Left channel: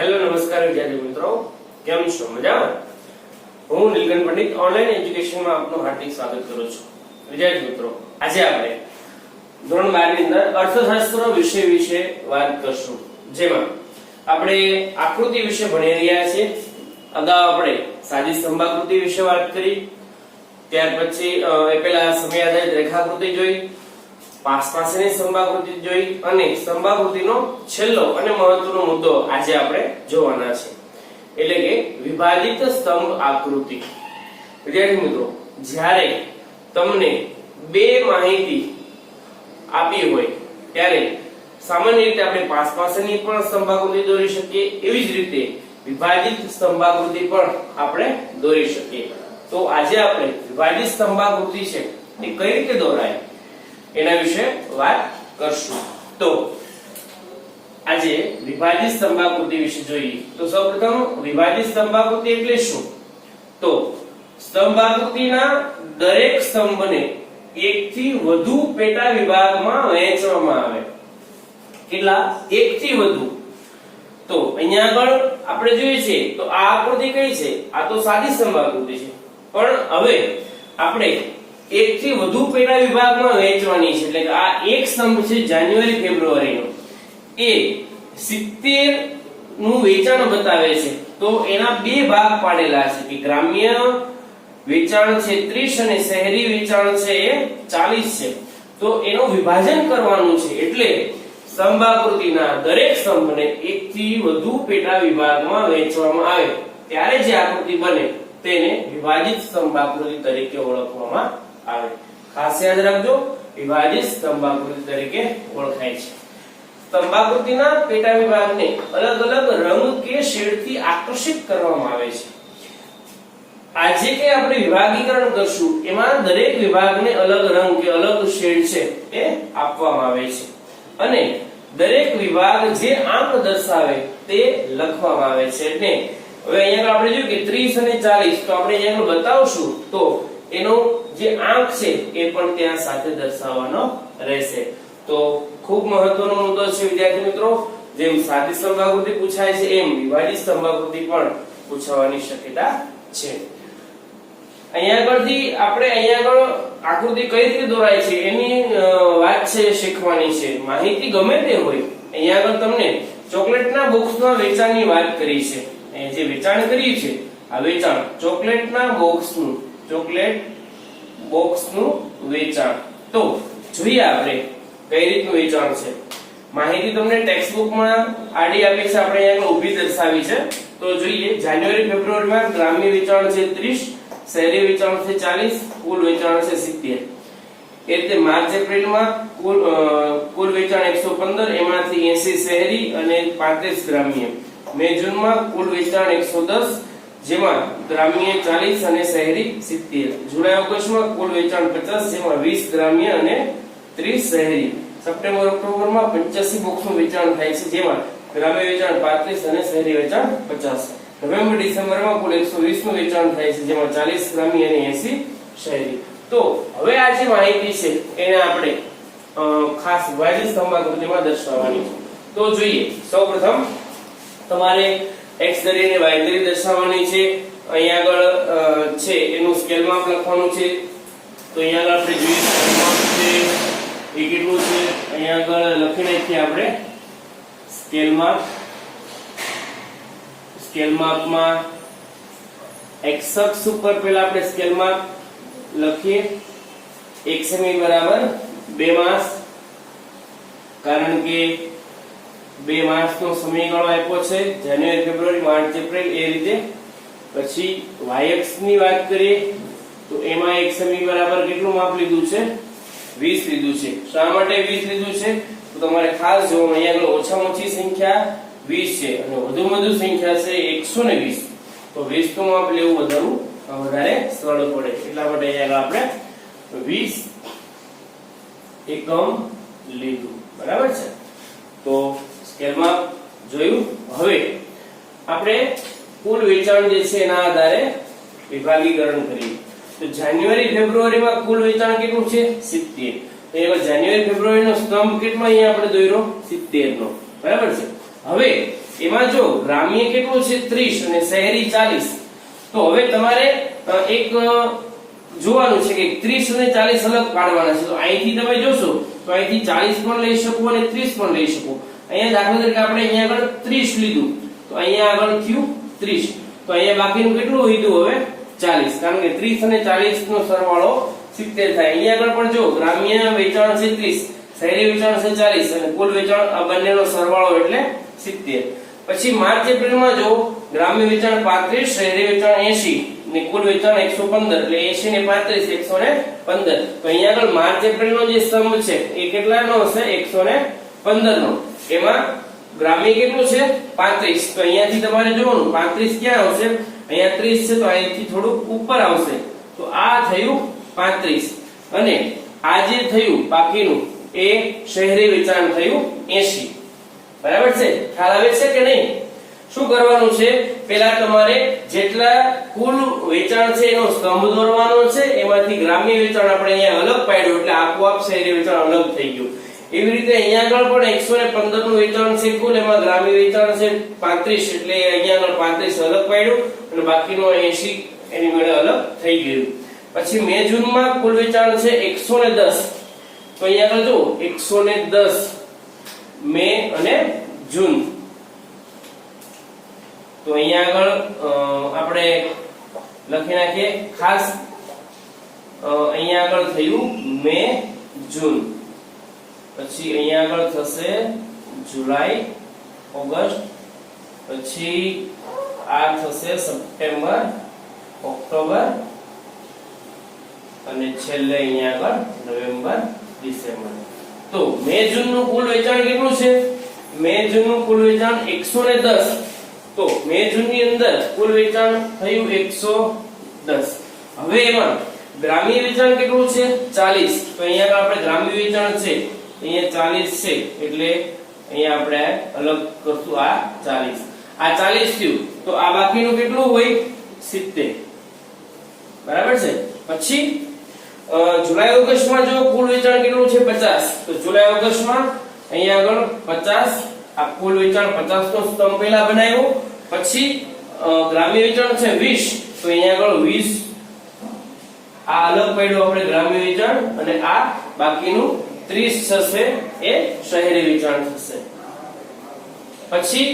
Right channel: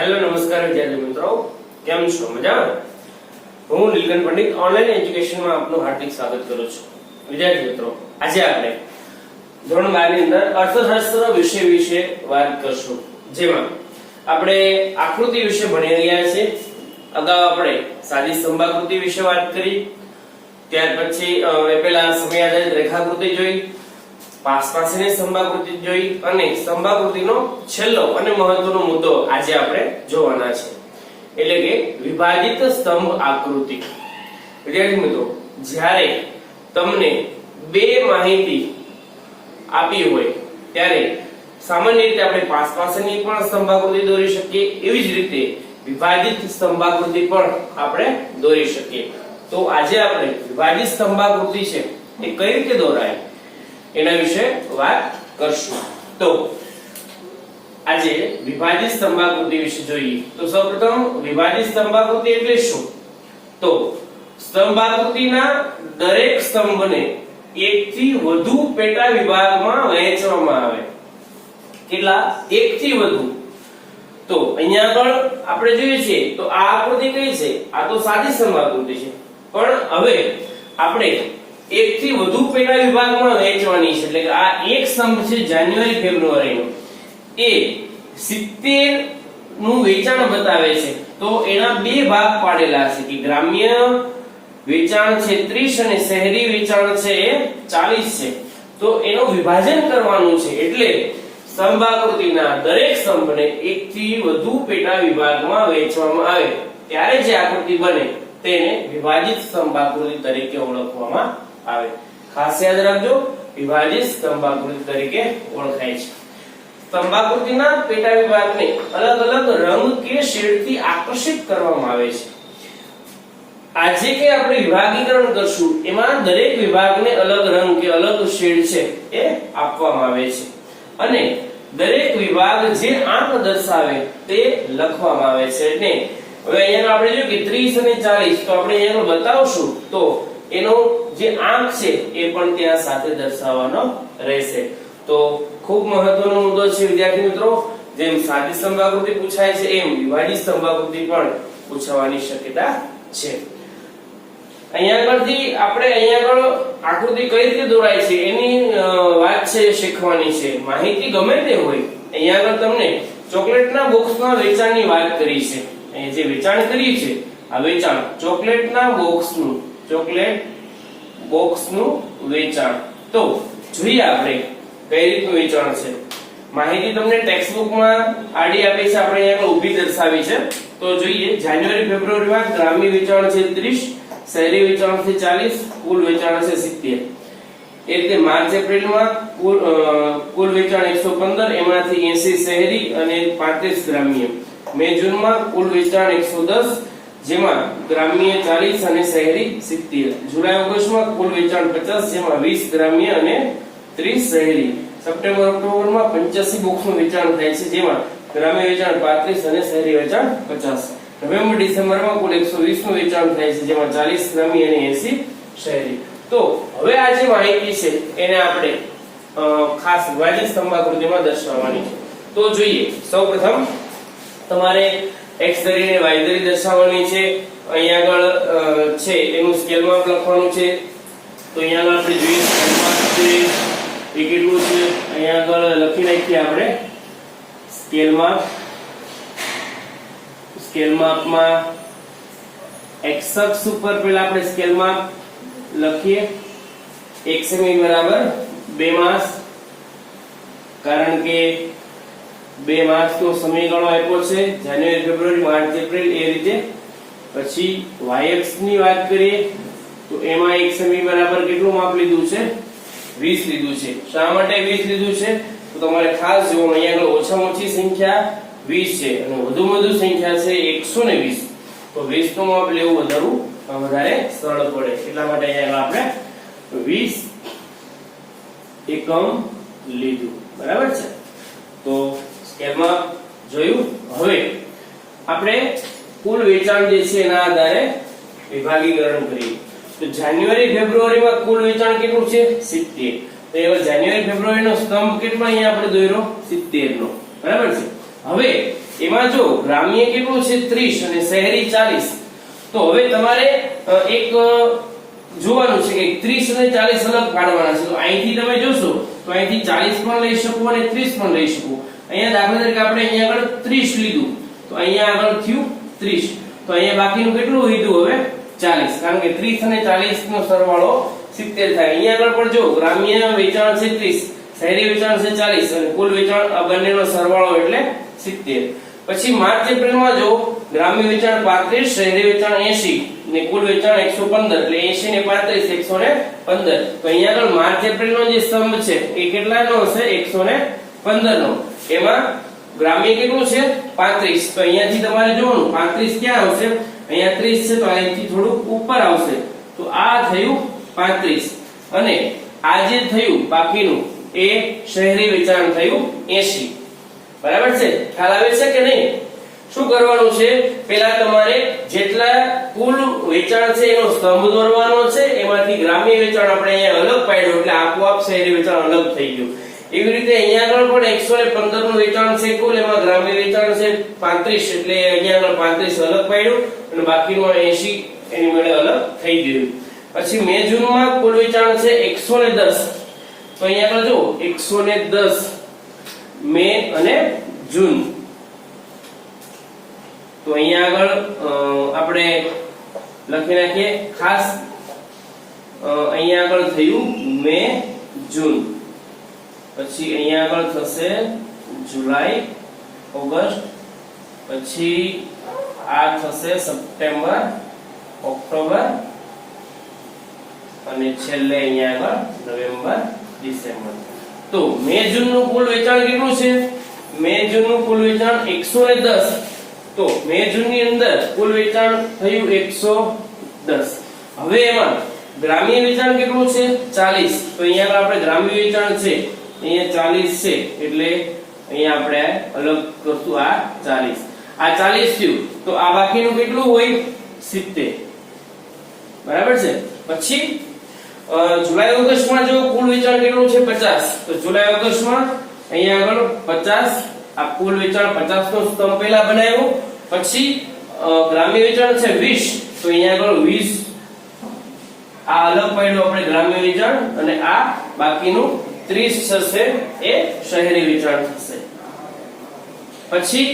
Hello નમસ્કાર વિદ્યાર્થી મિત્રો, કેમ છો? મજામાં? હું નીલકંઠ પંડિત ઓનલાઈન એજ્યુકેશનમાં આપનું હાર્દિક સ્વાગત કરું છું. વિદ્યાર્થી મિત્રો, આજે આપણે ધોરણ 12 ની અંદર અર્થશાસ્ત્ર વિષય વિશે વાત કરશું, જેમાં આપણે આકૃતિ વિશે ભણી રહ્યા છીએ. અગાઉ આપણે સાદી સ્તંભાકૃતિ વિશે વાત કરી, ત્યાર પછી પેલા સમય આધારિત રેખાકૃતિ જોઈ, પાસપાસની સ્તંભાકૃતિ જોઈ અને સ્તંભાકૃતિનો છેલ્લો અને મહત્વનો મુદ્દો આજે આપણે જોવાના છે, એટલે કે વિભાજિત સ્તંભ આકૃતિ. વિદ્યાર્થી મિત્રો, જ્યારે તમને બે માહિતી આપી હોય ત્યારે સામાન્ય રીતે આપણે પાસપાસની પણ સ્તંભાકૃતિ દોરી શકીએ, એવી જ રીતે વિભાજિત સ્તંભાકૃતિ પણ આપણે દોરી શકીએ. તો આજે આપણે વિભાજિત સ્તંભાકૃતિ છે એ કઈ રીતે દોરાય એના વિશે વાત કરશું. તો આજે વિભાજિત સ્તંભાકૃતિ વિશે જોઈએ તો સૌપ્રથમ વિભાજિત સ્તંભાકૃતિ એટલે શું? તો સ્તંભાકૃતિના દરેક સ્તંભને એકથી વધુ પેટા વિભાગમાં વહેંચવામાં આવે. કેટલા? એકથી વધુ. તો અહીંયા આગળ આપણે જોઈએ છે તો આ આકૃતિ કઈ છે? આ તો સાદી સ્તંભાકૃતિ છે, પણ હવે આપણે એકથી વધુ પેટા વિભાગમાં વહેંચવાની છે. એટલે કે આ એક સ્તંભ છે જાન્યુઆરી ફેબ્રુઆરીનો, એ 70 નું વેચાણ બતાવે છે. તો એના બે ભાગ પાડેલા છે કે ગ્રામ્ય વેચાણ છે 30 અને શહેરી વેચાણ છે એ 40 છે. તો એનું વિભાજન કરવાનું છે, એટલે સ્તંભાકૃતિના દરેક સ્તંભને એકથી વધુ પેટા વિભાગમાં વહેંચવામાં આવે ત્યારે જે આકૃતિ બને તેને વિભાજિત સ્તંભાકૃતિ તરીકે ઓળખવામાં આવે. ખાસ યાદ રાખજો, વિભાજિત સ્તંભાકૃતિ તરીકે ઓળખાય છે. સ્તંભાકૃતિના પેટા વિભાગને અલગ અલગ રંગ કે શેડથી આકર્ષિત કરવામાં આવે છે. આજે કે આપણે વિભાગીકરણ કરશું એમાં દરેક વિભાગને અલગ રંગ કે અલગ શેડ છે એ આપવામાં આવે છે, અને દરેક વિભાગ જે આંક દર્શાવે તે લખવામાં આવે છે. એટલે હવે અહીંયા આપણે જોયું કે 30 અને 40, તો આપણે અહીંયા બતાવશું તો એનો જે આંક છે એ પણ ત્યાં સાથે દર્શાવવાનો રહેશે. તો ખૂબ મહત્વનો મુદ્દો છે વિદ્યાર્થી મિત્રો. જેમ સાદી સ્તંભાકૃતિ પૂછાય છે એમ વિભાજિત સ્તંભાકૃતિ પણ પૂછવાની શક્યતા છે. અહીંયા આગળથી આપણે અહીંયા આગળ આકૃતિ કઈ રીતે દોરાય છે એની વાત છે શીખવાની છે. માહિતી ગમે તે હોય, અહીંયા આગળ તમને ચોકલેટના બોક્સના વેચાણની વાત કરી છે. અહીંયા જે વેચાણ કર્યું છે આ વેચાણ ચોકલેટના બોક્સનું, ચોકલેટ બોક્સનું વેચાણ. તો જોઈએ આપણે કઈ રીતનું વેચાણ છે. માહિતી તમને ટેક્સ્ટ બુકમાં આડી આપી છે, આપણે અહીંયા ઊભી દર્શાવી છે. તો જોઈએ, જાન્યુઆરી ફેબ્રુઆરીમાં ગ્રામ્ય વેચાણ છે 30, શહેરી વેચાણ છે 40, કુલ વેચાણ છે 70. એ રીતે માર્ચ એપ્રિલમાં કુલ વેચાણ 115, એમાંથી 80 શહેરી અને 35 ગ્રામ્ય. મે જૂનમાં કુલ વેચાણ 110, જેમાં ગ્રામ્ય 40 અને શહેરી 70. જુલાઈ ઓગસ્ટમાં કુલ વેચાણ 50, જેમાં 20 ગ્રામ્ય અને 30 શહેરી. સપ્ટેમ્બર ઓક્ટોબરમાં 85 બોક્સનું વેચાણ થાય છે, જેમાં ગ્રામ્ય વેચાણ 35 અને શહેરી વેચાણ 50. નવેમ્બર ડિસેમ્બરમાં કુલ 120 નું વેચાણ થાય છે, જેમાં 40 ગ્રામ્ય અને 80 શહેરી. તો હવે આ જે માહિતી છે એને આપણે ખાસ વિભાજિત સ્તંભાકૃતિમાં દર્શાવવાની છે. તો જોઈએ, સૌપ્રથમ તમારે x ધરીને y ધરી દર્શાવવાની છે. અહીંયા આગળ છે એનું સ્કેલ માપ લખવાનું છે. તો અહીંયા આગળ આપણે જોઈએ સ્કેલ માપ છે એ કેટલું છે, અહીંયા આગળ લખી નાખીએ આપણે સ્કેલ માપ. સ્કેલ માપમાં x અક્ષ ઉપર પહેલા આપણે સ્કેલ માપ લખીએ. 1 સેમી બરાબર 2 માસ, કારણ કે 2 માસનો સમયગાળો આપ્યો છે, જાન્યુઆરી ફેબ્રુઆરી માર્ચ એપ્રિલ એ રીતે. પછી y અક્ષ ની વાત કરીએ તો એમાં 1 સેમી બરાબર કેટલું માપ લીધું છે? 20 લીધું છે. શા માટે 20 લીધું છે? તો તમારે ખાસ જોવાનું, અહીંયા આગળ ઓછામાં ઓછી સંખ્યા 20 છે અને વધુમાં વધુ સંખ્યા છે 120. તો 20 નું માપ લેવું વધારે સરળ પડે, એટલા માટે અહીંયા આપણે 20 એકમ લીધું. બરાબર છે? તો સ્કેલ માપ જોયું. હવે આપણે કુલ વેચાણ જે છે એના આધારે વિભાગીકરણ કરીએ. તો જાન્યુઆરી ફેબ્રુઆરીમાં કુલ વેચાણ કેટલું છે? 70. તો હવે જાન્યુઆરી ફેબ્રુઆરીનો સ્તંભ કેટલો અહીંયા આપણે દોર્યો? 70 નો. બરાબર છે? હવે એમાં જો ગ્રામ્ય કેટલું છે 30 અને શહેરી 40, તો હવે તમારે એક જોવાનું છે કે 30 અને 40 અલગ પાડવાના છે. તો અહીંથી તમે જોશો તો અહીંથી 40 પણ લઈ શકો અને 30 પણ લઈ શકો. અહીંયા દાખલા તરીકે આપણે અહીંયા આગળ 30 લીધું, તો અહીંયા આગળ થયું 30, તો અહીંયા બાકીનું કેટલું લીધું હવે 40, કારણ કે 30 અને 40 નો સરવાળો 70 થાય. અહીંયા આગળ પણ જો ગ્રામ્ય વેચાણ છે 30, શહેરી વેચાણ છે 40 અને કુલ વેચાણ આ બંનેનો સરવાળો એટલે 70. પછી માર્ચ એપ્રિલમાં જો ગ્રામ્ય વેચાણ 35, શહેરી વેચાણ 80 ને કુલ વેચાણ 115, એટલે 80 ને 35 115. તો અહીંયા આગળ માર્ચ એપ્રિલનો જે સ્તંભ છે એ કેટલાનો હશે 115 નો. એમાં ગ્રામ્ય કેટલું છે 35, તો અહીંયાથી તમારે જોવાનું 35 ક્યાં આવશે, અહીંયા 30 છે તો અહીંથી થોડું ઉપર આવશે, તો આ થયું 35 અને આ જે થયું બાકીનું એ શહેરી વેચાણ થયું 80. બરાબર છે? ખ્યાલ આવે છે કે નહીં? શું કરવાનું છે, પહેલા તમારે જેટલા કુલ વેચાણ છે એનો સ્તંભ દોરવાનો છે, એમાંથી ગ્રામ્ય વેચાણ આપણે અહીંયા અલગ પાડ્યું એટલે આપોઆપ શહેરી વેચાણ અલગ થઈ ગયું. એવી રીતે અહીંયા આગળ પણ 115 નું વેચાણ છે કુલ, એમાં ગ્રામ્ય વેચાણ છે 35, એટલે અહીંયા આગળ 35 અલગ પાડ્યું અને બાકીનું 80 એની મેળે અલગ થઈ ગયું. પછી મે જૂનમાં કુલ વેચાણ છે 110, તો અહીંયા આગળ જો 110 મે અને જૂન, તો અહીંયા આગળ આપણે લખી નાખીએ ખાસ. અહીંયા આગળ થયું મે જૂન, પછી અહીંયા આગળ થશે જુલાઈ ઓગસ્ટ, પછી આ થશે સપ્ટેમ્બર ઓક્ટોબર અને છેલ્લે અહીંયા આગળ નવેમ્બર ડિસેમ્બર. તો મે જૂન નું કુલ વેચાણ કેટલું છે, મે જૂન નું કુલ વેચાણ 110, તો મે જૂન ની અંદર કુલ વેચાણ થયું 110. હવે એમાં ગ્રામ્ય વેચાણ કેટલું છે 40, તો અહીંયા આપણે ગ્રામ્ય વેચાણ છે અહીંયા 40 છે એટલે અહીંયા આપણે અલગ કરશું આ 40, આ 40 થયું, તો આ બાકીનું કેટલું હોય 70. બરાબર છે? પછી જુલાઈ ઓગસ્ટમાં જો કુલ વેચાણ કેટલું છે 50, તો જુલાઈ ઓગસ્ટમાં અહીંયા આગળ 50, આ કુલ વેચાણ 50 નો સ્તંભ પહેલા બનાવ્યો. પછી ગ્રામ્ય વેચાણ છે 20, તો અહીંયા આગળ 20 આ અલગ પાડ્યું આપણે ગ્રામ્ય વેચાણ અને આ બાકીનું 30 થશે એ શહેરી વેચાણ થશે. પછી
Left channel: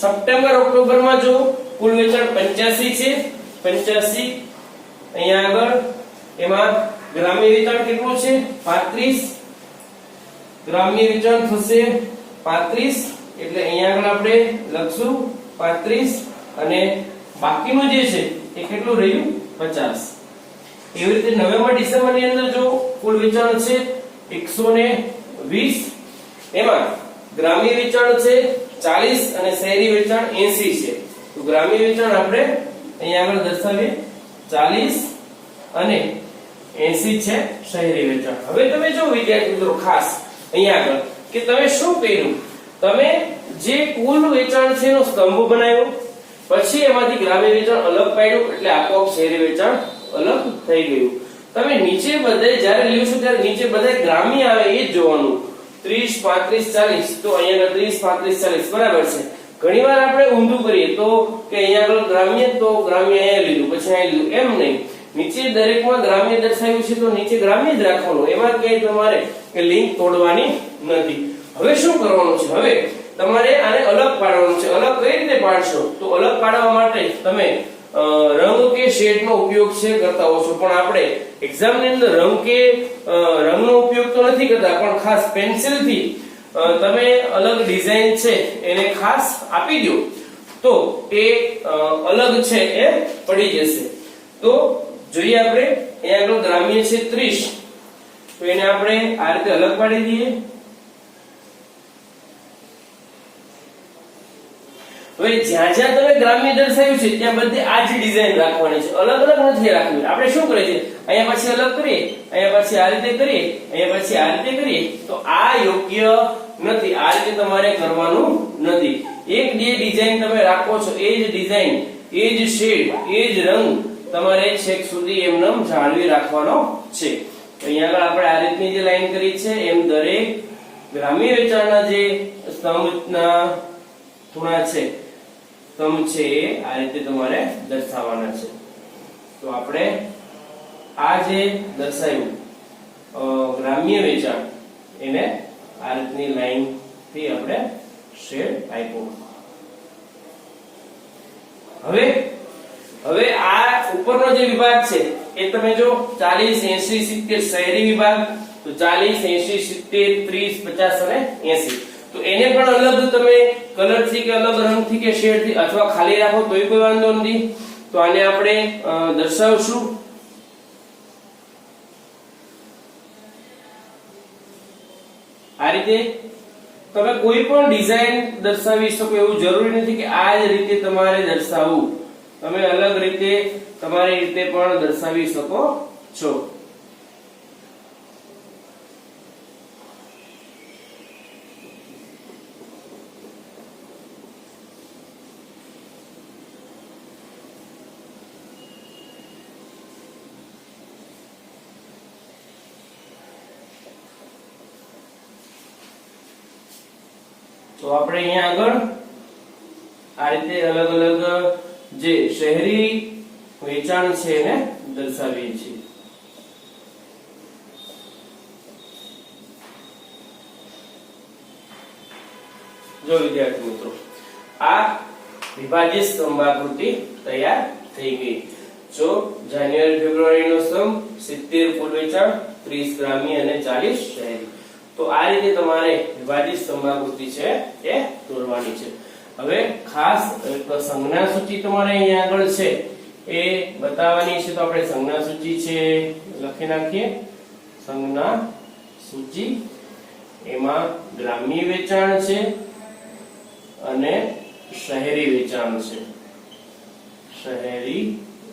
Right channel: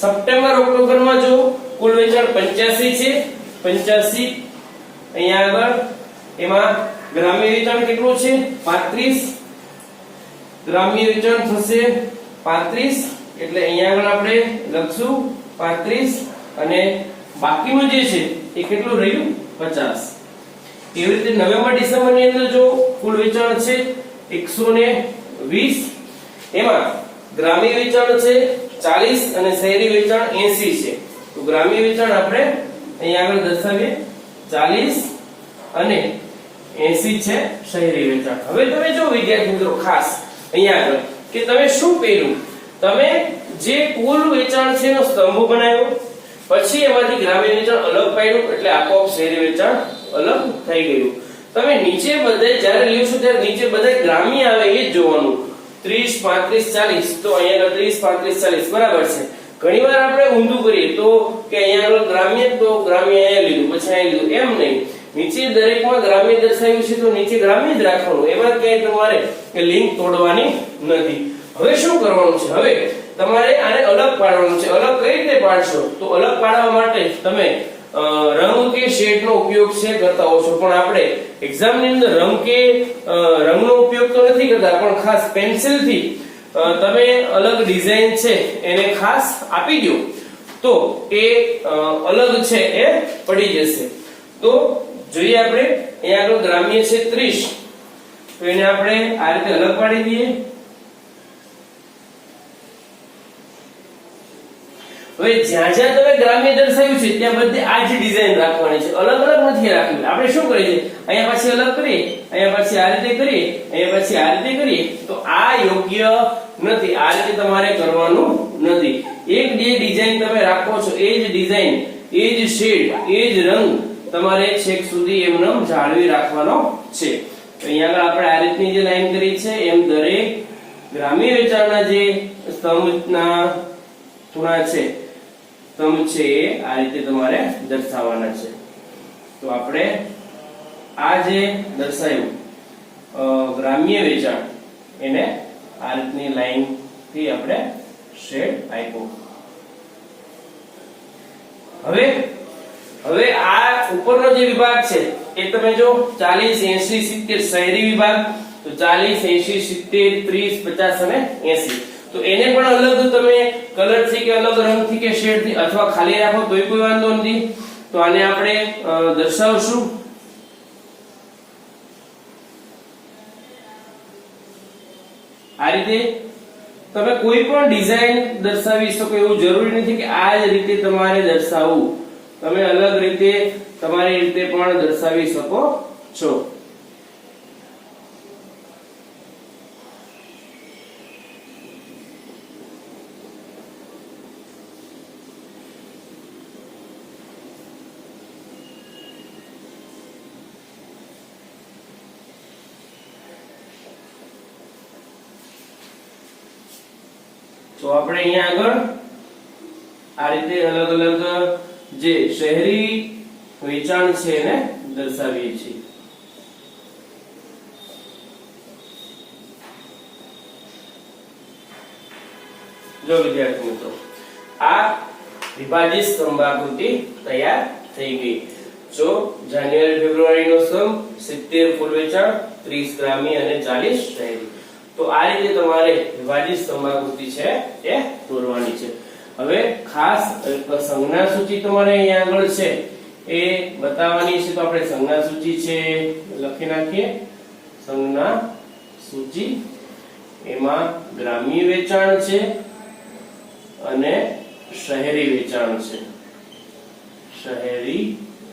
સપ્ટેમ્બર ઓક્ટોબરમાં જો કુલ વેચાણ 85 છે, 85 અહીંયા આગળ એમાં ગ્રામ્ય વેચાણ કેટલું છે 35, ગ્રામ્ય વેચાણ થશે 35, એટલે અહીંયા આગળ આપણે લખશું 35 અને બાકીનું જે છે એ કેટલું રહ્યું 50. એવી રીતે નવેમ્બર ડિસેમ્બર ની અંદર જો કુલ વેચાણ છે 120, એમાં ગ્રામ્ય વેચાણ છે 40 અને શહેરી વેચાણ 80 છે. તો ગ્રામ્ય વેચાણ આપણે અહીંયા આગળ દર્શાવીએ 40 અને 80 છે શહેરી વેચાણ. હવે તમે જો વિદ્યાર્થી મિત્રો ખાસ અહીંયા આગળ કે તમે શું કર્યું, તમે જે કુલ વેચાણ છે એનો સ્તંભ બનાવ્યો, પછી એમાંથી ગ્રામ્ય વેચાણ અલગ પાડ્યું એટલે આપોઆપ શહેરી વેચાણ અલગ થઈ ગયું. તમે નીચે બધાય જ્યારે લ્યો છો ત્યારે નીચે બધાય ગ્રામ્ય આવે એ જ જોવાનું, 30 35 40, તો અહીંયા 30 35 40 બરાબર છે. ઘણીવાર આપણે ઊંધું કરીએ તો કે અહીંયા આગળ ગ્રામ્ય, તો ગ્રામ્ય અહીંયા લીધું પછી અહીંયા લીધું, એમ નહીં. નીચે દરેકમાં ગ્રામ્ય દર્શાવ્યું છે તો નીચે ગ્રામ્ય જ રાખવાનું, એમાં ક્યાંય તમારે લિંક તોડવાની નથી. હવે શું કરવાનું છે, હવે તમારે આને અલગ પાડવાનું છે. અલગ કઈ રીતે પાડશો, તો અલગ પાડવા માટે તમે રંગ કે શેડ નો ઉપયોગ છે કરતા હો છો, પણ આપણે એક્ઝામ ની અંદર રંગ કે રંગનો ઉપયોગ તો નથી કરતા, પણ ખાસ પેન્સિલ થી તમે અલગ ડિઝાઇન છે એને ખાસ આપી દો તો એ અલગ છે એ પડી જશે. તો જોઈએ આપણે અહીંયા આગળ ગ્રામ્ય છે 30, તો એને આપણે આ રીતે અલગ પાડી દઈએ. હવે જ્યાં જ્યાં તમે ગ્રામ્ય દર્શાવ્યું છે ત્યાં બધે આ જ ડિઝાઇન રાખવાની છે, અલગ અલગ નથી રાખવી. આપણે શું કરીએ છીએ, અહીંયા પછી અલગ કરીએ, અહીંયા પછી આ રીતે કરીએ, અહીંયા પછી આ રીતે કરીએ, તો આ યોગ્ય નથી. આ રીતે તમારે કરવાનું નથી. એક જે ડિઝાઇન તમે રાખો છો એ જ ડિઝાઇન, એ જ શેડ, એ જ રંગ તમારે છેક સુધી એમનેમ જાળવી રાખવાનો છે. અહીંયા આગળ આપણે આ રીતની જે લાઈન કરી છે એમ દરેક ગ્રામ્ય વેચાણના જે સ્તંભના ખૂણા છે સ્તંભ છે એ આ રીતે તમારે દર્શાવવાના છે. તો આપણે આ જે દર્શાવ્યું ગ્રામ્ય વેચાણ એને આ રીતની લાઈન થી આપણે શેડ આપ્યો. હવે આ ઉપરનો જે વિભાગ છે એ તમે જો 40 80 70 શહેરી વિભાગ, તો 40 80 70 30 50 અને 80, તો એને પણ અલગ તમે કલર થી કે અલગ રંગ થી કે શેડ થી અથવા ખાલી રાખો તોય કોઈ વાંધો નથી. તો આને આપણે દર્શાવશું. આ રીતે તમે કોઈ પણ ડિઝાઇન દર્શાવી શકો, એવું જરૂરી નથી કે આ જ રીતે તમારે દર્શાવવું. તમે અલગ રીતે તમારી રીતે પણ દર્શાવી શકો છો. તો આપણે અહીંયા આગળ આ રીતે અલગ અલગ જે શહેરી વેચાણ છે એને દર્શાવીએ છીએ. જો વિદ્યાર્થી મિત્રો, આ વિભાજિત સ્તંભાકૃતિ તૈયાર થઈ ગઈ. જો જાન્યુઆરી ફેબ્રુઆરી નો સ્તંભ, 70 ફૂલ વેચાણ, 30 ગ્રામ્ય અને 40 શહેરી. તો આ રીતે તમારે વિભાજિત સ્તંભાકૃતિ છે એ દોરવાની છે. હવે ખાસ સંજ્ઞા સૂચિ તમારે અહીંયા આગળ છે એ બતાવવાની છે. તો આપણે સંજ્ઞા સૂચિ છે લખી નાખીએ. સંજ્ઞા સૂચિ એમાં ગ્રામ્ય વેચાણ છે અને શહેરી વેચાણ છે. શહેરી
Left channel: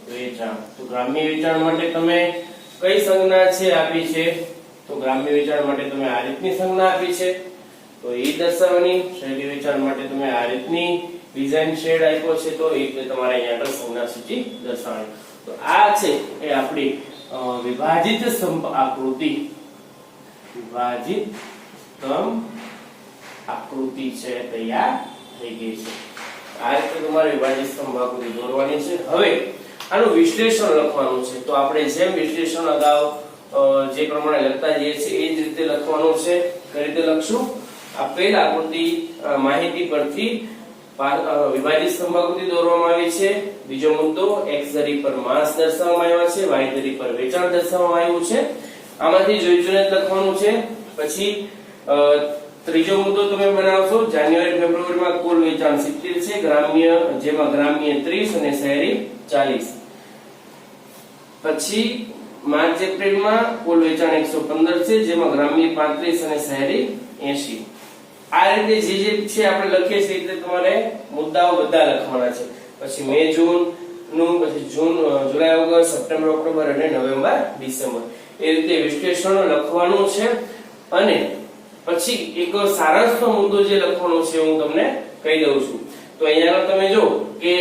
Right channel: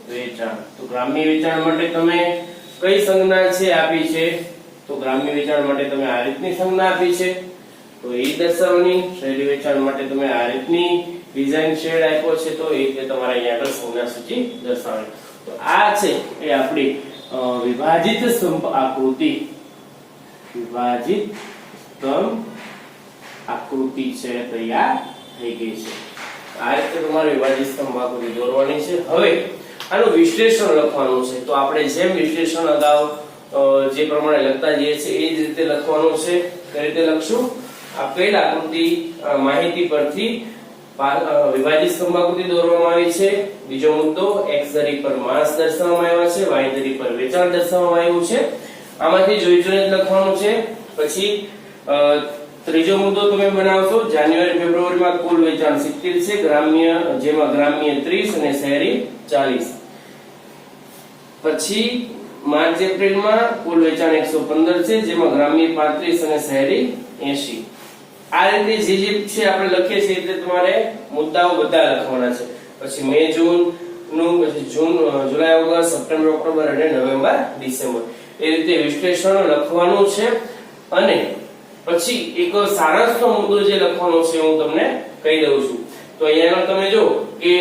વેચાણ, તો ગ્રામ્ય વેચાણ માટે તમે કઈ સંજ્ઞા છે આપી છે? તો ગ્રામ્ય વેચાણ માટે તમે આ રીતની સંજ્ઞા આપી છે, તો એ દર્શાવવાની. શહેરી વેચાણ માટે તમે આ રીતની ડિઝાઇન શેડ આપ્યો છે, તો એ તમારે અહીંયા આગળ સંજ્ઞા સૂચિ દર્શાવવાની. તો આ છે એ આપણી વિભાજિત સ્તંભ આકૃતિ. વિભાજિત સ્તંભ આકૃતિ છે તૈયાર થઈ ગઈ છે. આ રીતે તમારે વિભાજિત સ્તંભ આકૃતિ દોરવાની છે. હવે આનું વિશ્લેષણ લખવાનું છે. તો આપણે જેમ વિશ્લેષણ અગાઉ જે પ્રમાણે લખતા જઈએ છીએ એ જ રીતે લખવાનું છે. કઈ રીતે લખશું? આપેલ આકૃતિ માહિતી પરથી વિભાજિત સ્તંભાકૃતિ દોરવામાં આવી છે. બીજો મુદ્દો, x ધરી પર માસ દર્શાવવામાં આવ્યા છે, y ધરી પર વેચાણ દર્શાવવામાં આવ્યું છે. આમાંથી જોઈ જોઈને જ લખવાનું છે. પછી ત્રીજો મુદ્દો તમે બનાવશો, જાન્યુઆરી ફેબ્રુઆરીમાં કુલ વેચાણ 70 છે, ગ્રામ્ય જેમાં ગ્રામ્ય 30 અને શહેરી 40. પછી માર્ચ એપ્રિલમાં કુલ વેચાણ 115 છે, જેમાં ગ્રામ્ય 35 અને શહેરી 80. આ રીતે જે છે આપણે લખીએ છીએ એટલે તમારે મુદ્દાઓ બધા લખવાના છે. પછી મે જૂન નું, પછી જૂન જુલાઈ ઓગસ્ટ સપ્ટેમ્બર ઓક્ટોબર અને નવેમ્બર ડિસેમ્બર, એ રીતે વિશ્લેષણ લખવાનું છે. અને પછી એક સારાંશનો મુદ્દો જે લખવાનો છે હું તમને કહી દઉં છું. તો અહીંયા તમે જો કે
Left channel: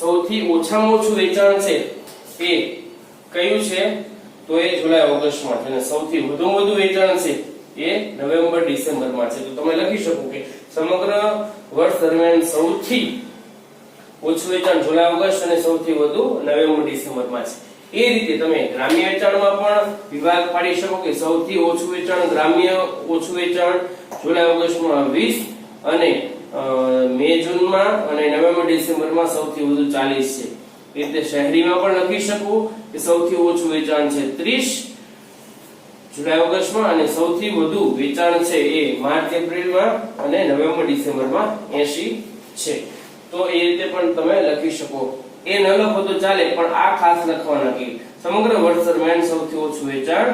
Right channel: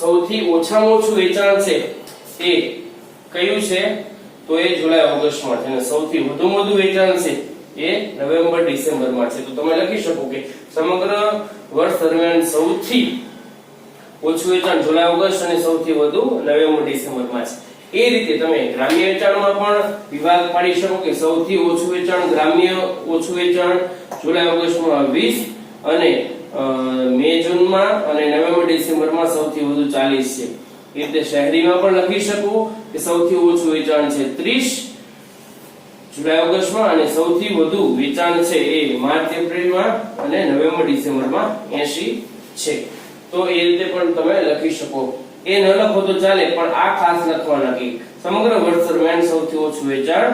સૌથી ઓછામાં ઓછું વેચાણ છે એ કયું છે? તો એ જુલાઈ ઓગસ્ટમાં છે, અને સૌથી વધુમાં વધુ વેચાણ છે એ નવેમ્બર ડિસેમ્બરમાં છે. તો તમે લખી શકો કે સમગ્ર વર્ષ દરમિયાન સૌથી ઓછું વેચાણ જુલાઈ ઓગસ્ટ અને સૌથી વધુ નવેમ્બર ડિસેમ્બરમાં છે. એ રીતે તમે ગ્રામ્ય વેચાણમાં પણ વિભાગ પાડી શકો કે સૌથી ઓછું વેચાણ ગ્રામ્ય ઓછું વેચાણ જુલાઈ ઓગસ્ટમાં 20 અને મે જૂનમાં અને નવેમ્બર ડિસેમ્બરમાં સૌથી વધુ 40 છે. એ રીતે શહેરીમાં પણ લખી શકો કે સૌથી ઓછું વેચાણ છે 30 જુલાઈ ઓગસ્ટમાં અને સૌથી વધુ વેચાણ છે એ માર્ચ એપ્રિલમાં અને નવેમ્બર ડિસેમ્બરમાં 80 છે. તો એ રીતે પણ તમે લખી શકો. એ ન લખો તો ચાલે, પણ આ ખાસ લખવાના કે સમગ્ર વર્ષ દરમિયાન સૌથી ઓછું વેચાણ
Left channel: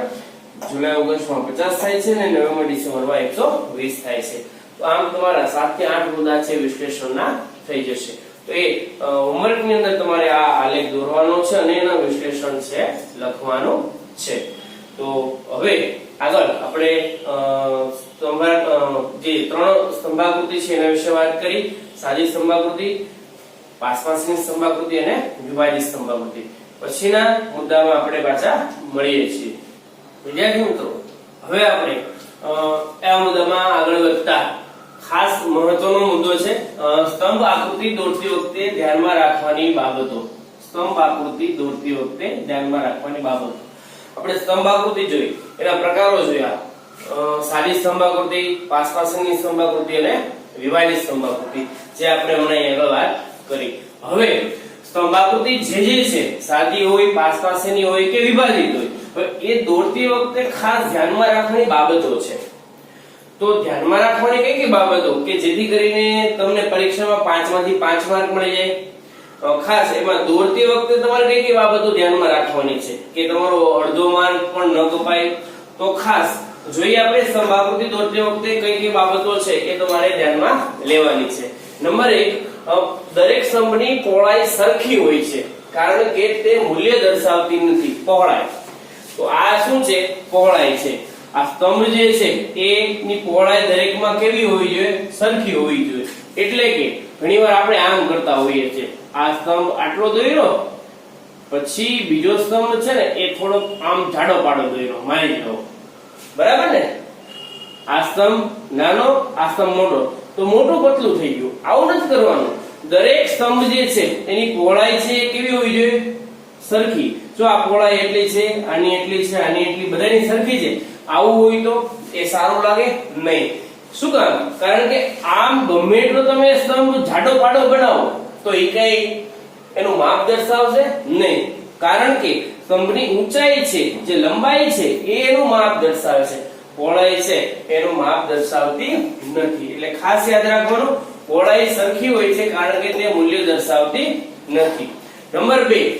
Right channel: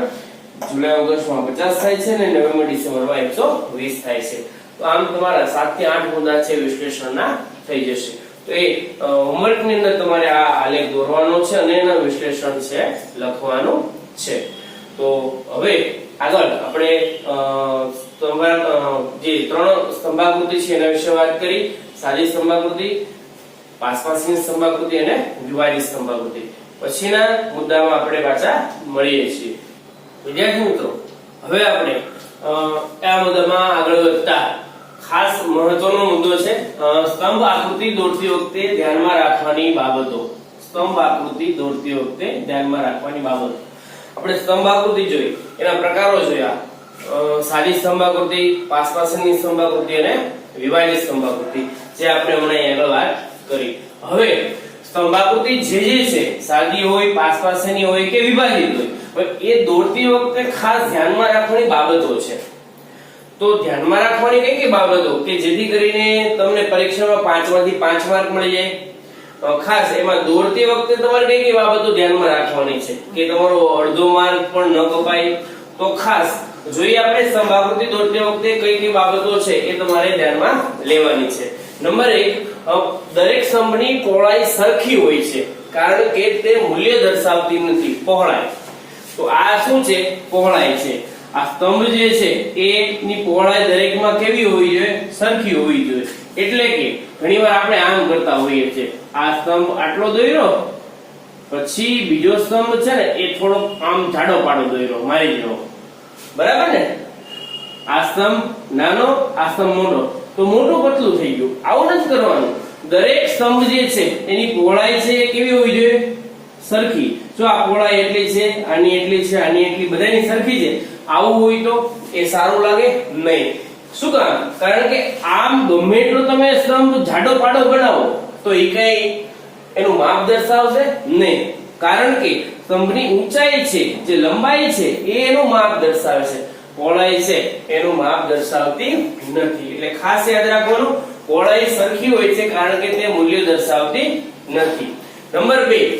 જુલાઈ ઓગસ્ટમાં 50 થાય છે અને નવેમ્બર ડિસેમ્બરમાં 120 થાય છે. તો આમ તમારા 7 થી 8 મુદ્દા છે વિશ્લેષણના થઈ જશે. તો એ હોમવર્ક ની અંદર તમારે આ આલેખ દોરવાનો છે અને એના વિશ્લેષણ છે લખવાનું છે. તો હવે આગળ આપણે જે 3 સ્તંભાકૃતિ છે એના વિશે વાત કરી. સાદી સ્તંભાકૃતિ, પાસપાસની સ્તંભાકૃતિ અને વિભાજિત સ્તંભાકૃતિ. પછીના મુદ્દામાં આપણે પાછા મળીએ છીએ. વિદ્યાર્થી મિત્રો, હવે આપણે આ મુદ્દામાં આગળ વધતા ખાસ મહત્વનો મુદ્દો છે સ્તંભ આકૃતિ દોરતી વખતે ધ્યાનમાં રાખવાની બાબતો. સ્તંભ આકૃતિ દોરતી વખતે ધ્યાનમાં રાખવાની બાબતો. આપણે સ્તંભ આકૃતિ જોઈ, એના પ્રકારો જોયા. સાદી સ્તંભ આકૃતિ, પાસપાસની સ્તંભ આકૃતિ અને વિભાજિત સ્તંભ આકૃતિ, જે આપણે હમણાં આગળ વાત કરી. હવે સ્તંભ આકૃતિ જે છે, સાદી હોય, પાસપાસની હોય કે વિભાજિત હોય, હવે એ દોરતી વખતે ખાસ ધ્યાનમાં રાખવાની બાબતો છે. તો ધ્યાનમાં રાખવાની કઈ કઈ બાબતો કે જેથી કરીને તમને પરીક્ષામાં 5 માંથી 5 માર્ક મળી જાય? ખાસ એમાં દોરતી વખતે તમારે કઈ કઈ બાબતો ધ્યાનમાં રાખવાની છે કે તમારો અડધો માર્ક પણ ન કપાય? તો ખાસ જોઈએ આપણે સ્તંભ આકૃતિ દોરતી વખતે કઈ કઈ બાબતો છે એ તમારે ધ્યાનમાં લેવાની છે. નંબર 1, દરેક સ્તંભની પહોળાઈ સરખી હોય છે, કારણ કે તે મૂલ્ય દર્શાવતી નથી. પહોળાઈ, તો આ શું છે? પહોળાઈ છે. આ સ્તંભ જે છે એની પહોળાઈ દરેકમાં કેવી હોવી જોઈએ? સરખી હોવી જોઈએ. એટલે કે ઘણીવાર આપણે આમ કરતા હોઈએ છીએ, આ સ્તંભ આટલો દોર્યો, પછી બીજો સ્તંભ છે ને એ થોડો આમ જાડો પાડો દોર્યો, મારી જેવો, બરાબર ને? આ સ્તંભ નાનો, આ સ્તંભ મોટો, તો મોટું પતલું થઈ ગયું. આવું નથી કરવાનું. દરેક સ્તંભ જે છે એની પહોળાઈ છે કેવી હોવી જોઈએ? સરખી. જો આ પહોળાઈ એટલી છે, આની એટલી છે, આની એટલી, બધાની સરખી છે, આવું હોય તો એ સારું લાગે નહીં. શું કામ? કારણ કે આમ ગમે એટલો તમે સ્તંભ જાડો પાડો બનાવો તો એ કઈ એનું માપ દર્શાવશે નહીં. કારણ કે સ્તંભની ઊંચાઈ છે, જે લંબાઈ છે એ એનું માપ દર્શાવે છે, પહોળાઈ છે એનું માપ દર્શાવતી નથી. એટલે ખાસ યાદ રાખવાનું, પહોળાઈ સરખી હોય છે કારણ કે તે મૂલ્ય દર્શાવતી નથી. નંબર 2,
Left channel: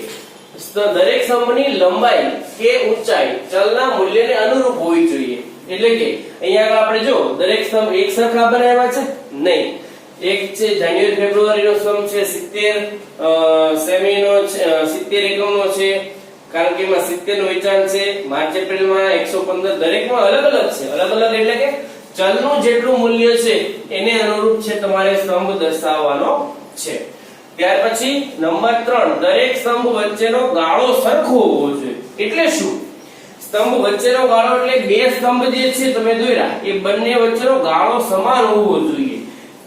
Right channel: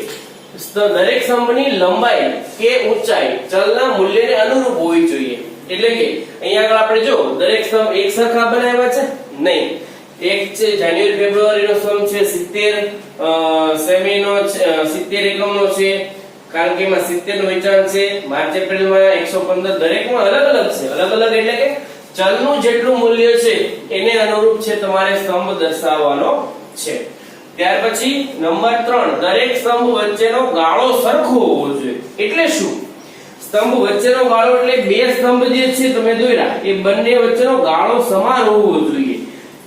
દરેક સ્તંભની લંબાઈ કે ઊંચાઈ ચલના મૂલ્યને અનુરૂપ હોવી જોઈએ. એટલે કે અહીંયા આગળ આપણે જો દરેક સ્તંભ એક સરખા બનાવ્યા છે નહીં. એક છે જાન્યુઆરી ફેબ્રુઆરીનો સ્તંભ છે 70 સેમીનો 70 એકમનો છે, કારણ કે એમાં 70 નું વેચાણ છે. માર્ચ એપ્રિલમાં 115, દરેકમાં અલગ અલગ છે. અલગ અલગ એટલે કે ચલનું જેટલું મૂલ્ય છે એને અનુરૂપ છે તમારે સ્તંભ દર્શાવવાનો છે. ત્યાર પછી નંબર 3, દરેક સ્તંભ વચ્ચેનો ગાળો સરખો હોવો જોઈએ. એટલે શું? સ્તંભ વચ્ચેનો ગાળો એટલે બે સ્તંભ જે છે તમે દોર્યા એ બંને વચ્ચેનો ગાળો સમાન હોવો જોઈએ.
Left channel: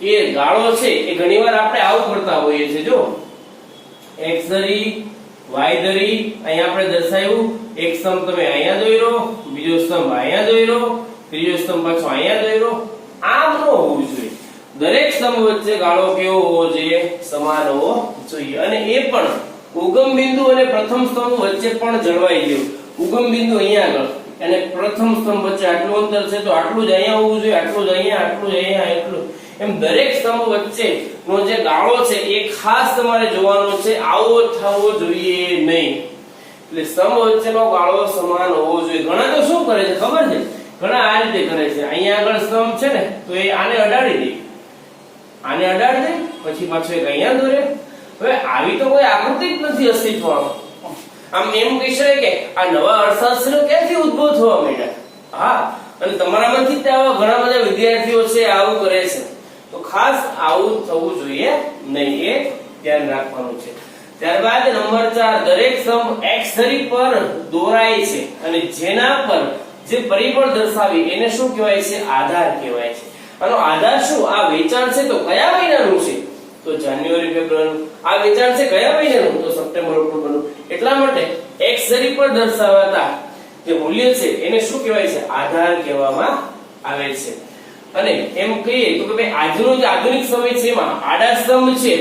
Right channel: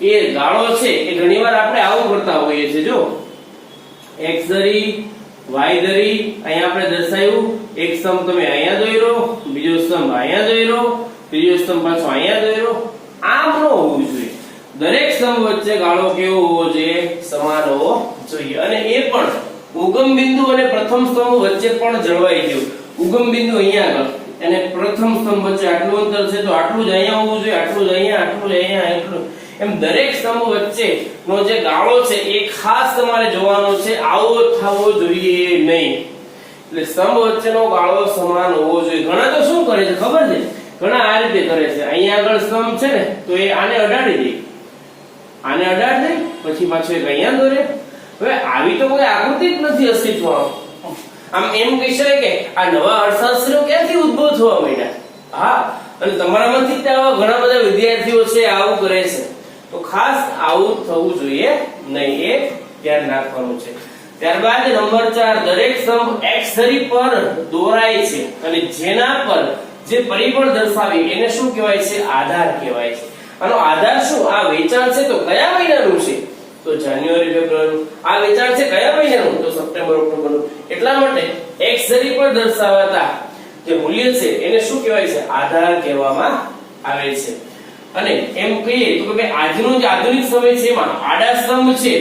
એ ગાળો છે એ ઘણીવાર આપણે આવું કરતા હોઈએ છીએ. જો x ધરી y ધરી અહીંયા આપણે દર્શાવ્યું, એક સ્તંભ તમે અહીંયા દોર્યો, બીજો સ્તંભ અહીંયા દોર્યો, ત્રીજો સ્તંભ પાછો અહીંયા દોર્યો. આમ ન હોવું જોઈએ. દરેક સ્તંભ વચ્ચે ગાળો કેવો હોવો જોઈએ? સમાન હોવો જોઈએ. અને એ પણ ઉગમ બિંદુ અને પ્રથમ સ્તંભ વચ્ચે પણ જળવાઈ ગયું. ઉગમ બિંદુ અહીંયા આગળ અને પ્રથમ સ્તંભ વચ્ચે આટલું અંતર છે તો આટલું જ અહીંયા હોવું જોઈએ, આટલું જ અહીંયા, આટલું જ અહીંયા, એટલું એમ દરેક સ્તંભ વચ્ચે નો જે ગાળો છે એ ખાસ તમારે જોવાનો છે. આવો થવો જોઈએ નહીં. એટલે સ્તંભ વચ્ચેનો ગાળો સમાન હોવો જોઈએ. ઘણા તો શું કરે છે ખબર છે? ઘણા આ રીતે કરે છે. અહીંયા આગળ સ્તંભ છે ને તો એ આને અડાડી દે, આને અડાડી દે, પછી પાછો એક અહીંયા દોરે. હવે આવી તો કોઈ આકૃતિ જ નથી અસ્તિત્વમાં. આમ એમ કહી શકાય કે આ નવા અર્થશાસ્ત્રીઓ ક્યાંથી ઉદ્ભવ થવા માંડ્યા? હા, અને તમારામાંથી ઘણા બધા વિદ્યાર્થીઓ છે આવું કરે છે. તો ખાસ આવું થવું જોઈએ નહીં, એ ધ્યાન રાખવાનું છે. ત્યારબાદ નંબર 4, દરેક સ્તંભ x ધરી પર દોરાય છે અને જેના પર જે પરિબળ દર્શાવી એને શું કહેવાય છે? આધાર કહેવાય છે. આનો આધાર શું? આ વેચાણ છે તો કયા મહિનાનું છે? તો જાન્યુઆરી ફેબ્રુઆરી. આ વેચાણ છે કયા મહિનાનું? તો સપ્ટેમ્બર ઓક્ટોબરનું. એટલા માટે x ધરી પર દર્શાવાતા જે મૂલ્ય છે એને શું કહેવાય છે? આધાર કહેવામાં આવે છે. અને એમ કહીએ તો કે ભાઈ આજનો જે આધુનિક સમય છે એમાં આડા સ્તંભ છે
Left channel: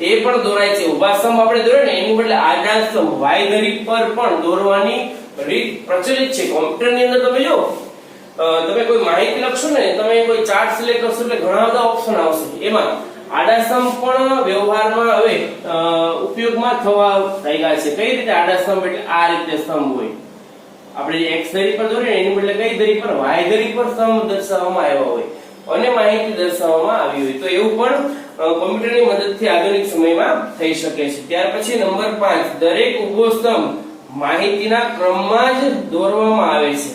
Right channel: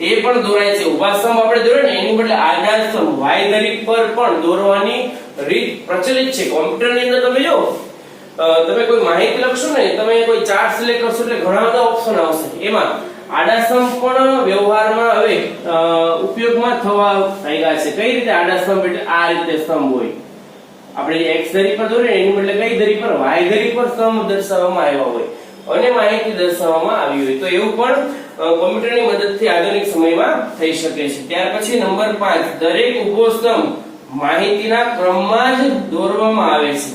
એ પણ દોરાય છે. ઉભા સ્તંભ આપણે દોર્યો ને એની બદલે આડા સ્તંભ y ધરી પર પણ દોરવાની રીત પ્રચલિત છે. કોમ્પ્યુટરની અંદર તમે જો તમે કોઈ માહિતી લખશો ને, તમે કોઈ ચાર્ટ સિલેક્ટ કરશો એટલે ઘણા બધા ઓપ્શન આવશે. એમાં આડા સ્તંભ પણ વ્યવહારમાં હવે ઉપયોગમાં થવા લાગ્યા છે. કઈ રીતે આડા સ્તંભ? એટલે આ રીતે સ્તંભ હોય. આપણે x ધરી પર દોરીએ એની બદલે કઈ ધરી પર? y ધરી પર સ્તંભ દર્શાવવામાં આવ્યા હોય અને માહિતી દર્શાવવામાં આવી હોય. તો એવું પણ કોમ્પ્યુટરની મદદથી આધુનિક સમયમાં થઈ શકે છે. ત્યાર પછી નંબર 5, દરેક ઉભો સ્તંભ માહિતીના ક્રમમાં જ દોરવામાં આવે છે.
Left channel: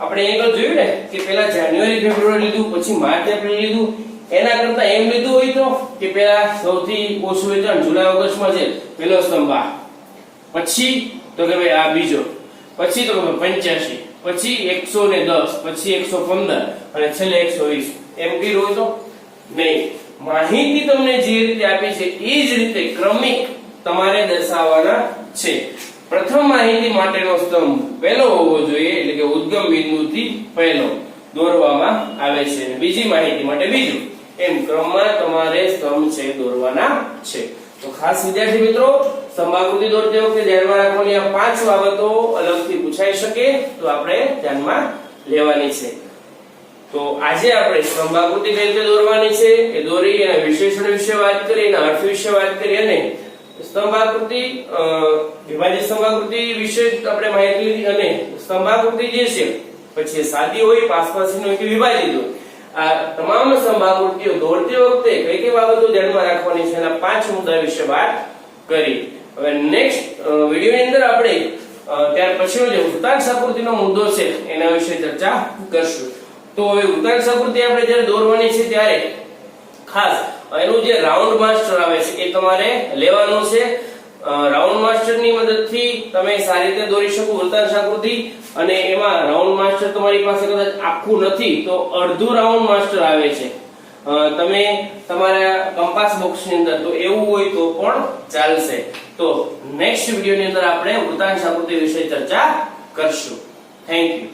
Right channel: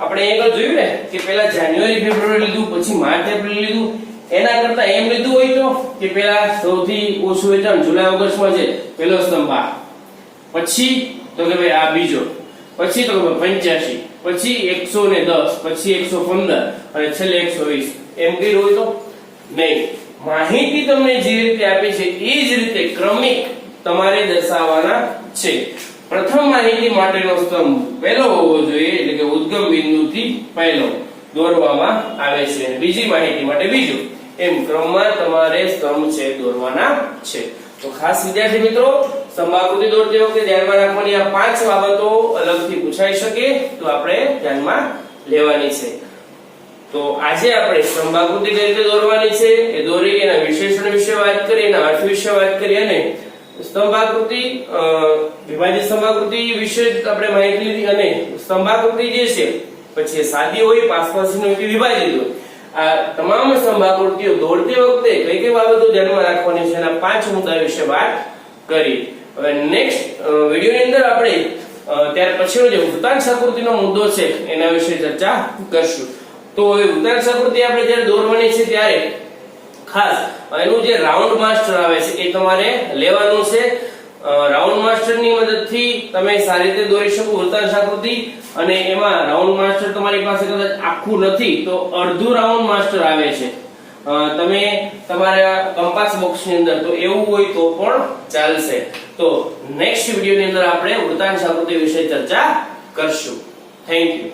આપણે આગળ જોયું ને કે પહેલા જાન્યુઆરી ફેબ્રુઆરી લીધું, પછી માર્ચ એપ્રિલ લીધું. એના કરતા એમ લીધું હોય તો કે પહેલા સૌથી ઓછું વેચાણ જુલાઈ ઓગસ્ટમાં છે, પહેલો સ્તંભ આ, પછી તો કે ભાઈ આ બીજો, પછી તો 85, પછી 110, પછી 115 અને છેલ્લે 120 એમ કર્યું હોય તો નહીં. માહિતી તમને જે રીતે આપી છે એ જ રીતે ક્રમિક તમારે દર્શાવવાના છે. પ્રથમ માહિતી માટેનો સ્તંભ પહેલો હોવો જોઈએ, એટલે કે ઉદ્ગમ બિંદુથી પહેલો દોરવામાં આવે છે. બીજી માહિતી માટે બીજું, એમ ક્રમમાં તમારે સ્તંભ છે દોરવાના છે. તો ખાસ વિદ્યાર્થી મિત્રો, સ્તંભાકૃતિ દોરતી વખતે ધ્યાનમાં રાખવાની આ 5 બાબતો અલગથી પૂછાઈ શકે તો આપણે ધ્યાનમાં લેવાની છે. તો આજે આપણે સ્તંભાકૃતિ કઈ રીતે દોરવાની છે એ દોરી, એના વિશેષણ વિશે વાત કરી, એના અર્થ વિશે વાત કરી અને સ્તંભાકૃતિ વિભાજિત સ્તંભાકૃતિ વિશે આપણે માહિતી લીધી. અને સ્તંભાકૃતિ જે છે પછી સાદી હોય, પાસપાસી હોય કે વિભાજિત હોય, આ તમામ સ્તંભાકૃતિઓ દોરતી વખતે કઈ કઈ બાબતો ધ્યાનમાં રાખવાની છે એના 5 મુદ્દા વિશે વાત કરી. હવે નેક્સ્ટ વિડિયોની અંદર આપણે ત્યાર પછી જે વૃત્તાંશ આકૃતિનો મુદ્દો છે એના વિશે ચર્ચા કરશું. તો હવે વૃત્તાંશ આકૃતિ આપણે જ્યારે દોરવાની છે ત્યારે ખાસ એનું જે રાઉન્ડ માસ્ટર આવે છે એ તમારે લેવાનું છે. રાઉન્ડ માસ્ટર ની મદદથી તમે સારી રીતે દોરી શકો વૃત્તાંશ આકૃતિ. અને એમાં રાઉન્ડ માસ્ટર તમારી પાસે કદાચ આખું નથી તો અડધું રાઉન્ડ માસ્ટર આવે છે તમે તમારા કંપાસ બોક્સ ની અંદર, તો એવું હોય તો પણ ચાલશે. તો નેક્સ્ટ વિડિયો ની અંદર આપણે વૃત્તાંશ આકૃતિ વિશે ચર્ચા કરશું. Thank you.